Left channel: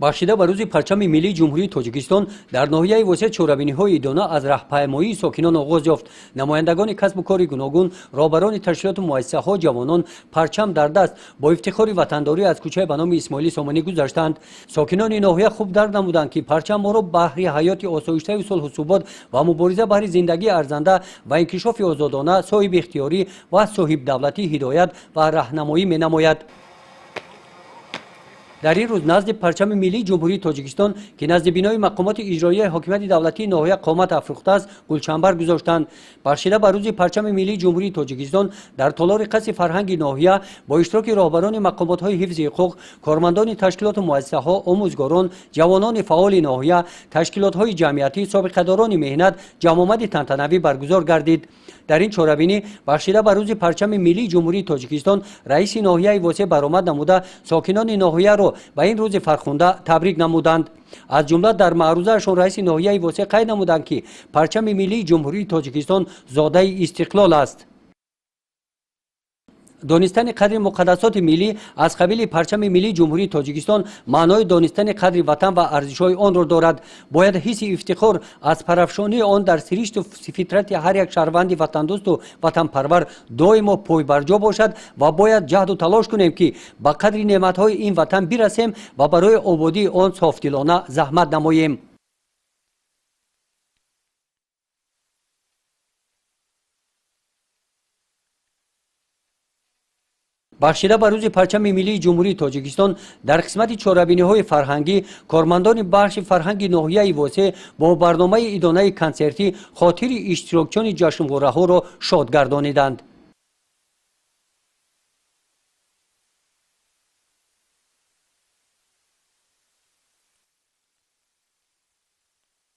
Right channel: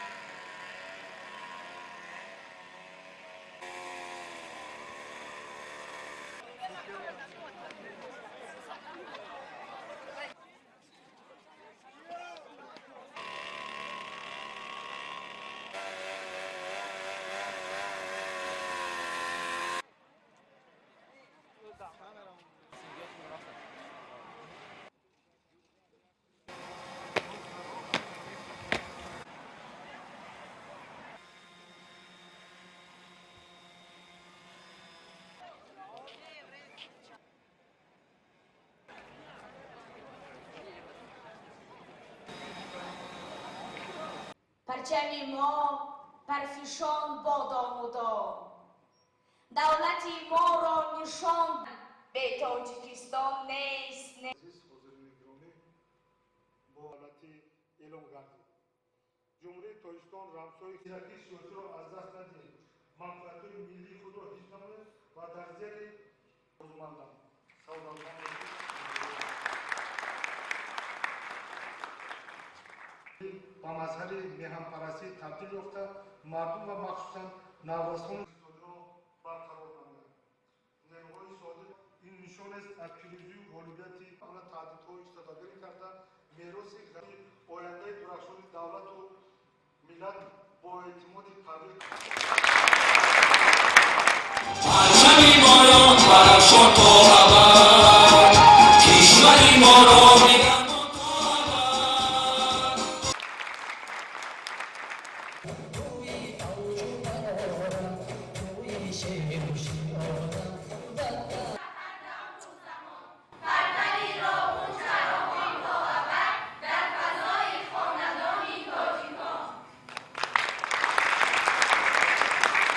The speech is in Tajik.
бахшида ба рӯзи парчами миллии ҷумҳурии тоҷикистон дар ноҳияи восеъ чорабиниҳои идона аз раҳпаймоии сокинон оғоз ёфт. Намояндагони касбу кори гуногун, роҳбарони ташкилоту муассисаҳо, ҷавонон парчам дар даст бо ифтихори ватандорӣ аз кӯчае ба номи Исмоили Сомонӣ гузаштанд. Сокинони ноҳия хуб дарк намуданд, ки парчам моро баҳри ҳаёти осоиштаи сулҳу субот ва мубориза баҳри зиндагии арзанда ва инкишофи озодона, соҳибихтиёрӣ ва соҳибдавлатӣ ҳидоят ва раҳнамоӣ менамояд. дар ин рӯз назди парчами миллии ҷумҳурии тоҷикистон ки назди бинои мақомоти иҷроияи ҳокимияти давлатии ноҳия қомат афрӯхтааст гулчанбар гузоштанд. бахшида ба рӯзи парчами миллии ҷумҳурии тоҷикистон дар толори қасри фарҳанги ноҳия бо иштироки роҳбарони мақомотҳои ҳифзи ҳуқуқ, кормандони ташкилоту муассисаҳо, омӯзгорон, ҷавонони фаъоли ноҳия, ташкилотҳои ҷамъиятӣ, собиқадорони меҳнат ҷамъомади тантанавӣ баргузор гардид. дар ин чорабинӣ бахшида ба рӯзи парчами миллии ҷумҳурии тоҷикистон раиси ноҳияи восеъ баромад намуда сокинони ноҳияро ба ин рӯзи фархунда табрик намуданд. аз ҷумла дар маърузаашон раиси ноҳияи восеъ қайд намуданд, ки парчами миллии ҷумҳурии тоҷикистон зодаи истиқлол аст. донистани қадри муқаддасоти миллӣ аз қабили парчами миллии ҷумҳурии тоҷикистон маънои донистани қадри ватан ва арзишҳои онро дорад. бояд ҳисси ифтихор аз парафшонии он дар сиришту фитрати ҳар як шаҳрванди ватандӯсту ватанпарвар доимо пойбарҷо бошад ва бояд ҷаҳду талош кунем, ки ба қадри неъматҳои ин ватан бирасем ва барои ободии он софдилона заҳмат намоем. бахшида ба рӯзи парчами миллии ҷумҳурии тоҷикистон дар қисмати чорабиниҳои фарҳангӣ кормандони бахши фарҳанги ноҳияи восеъ бо барномаи идонаи консертӣ хотири иштирокчиёни ҷашнвораҳоро шод гардониданд.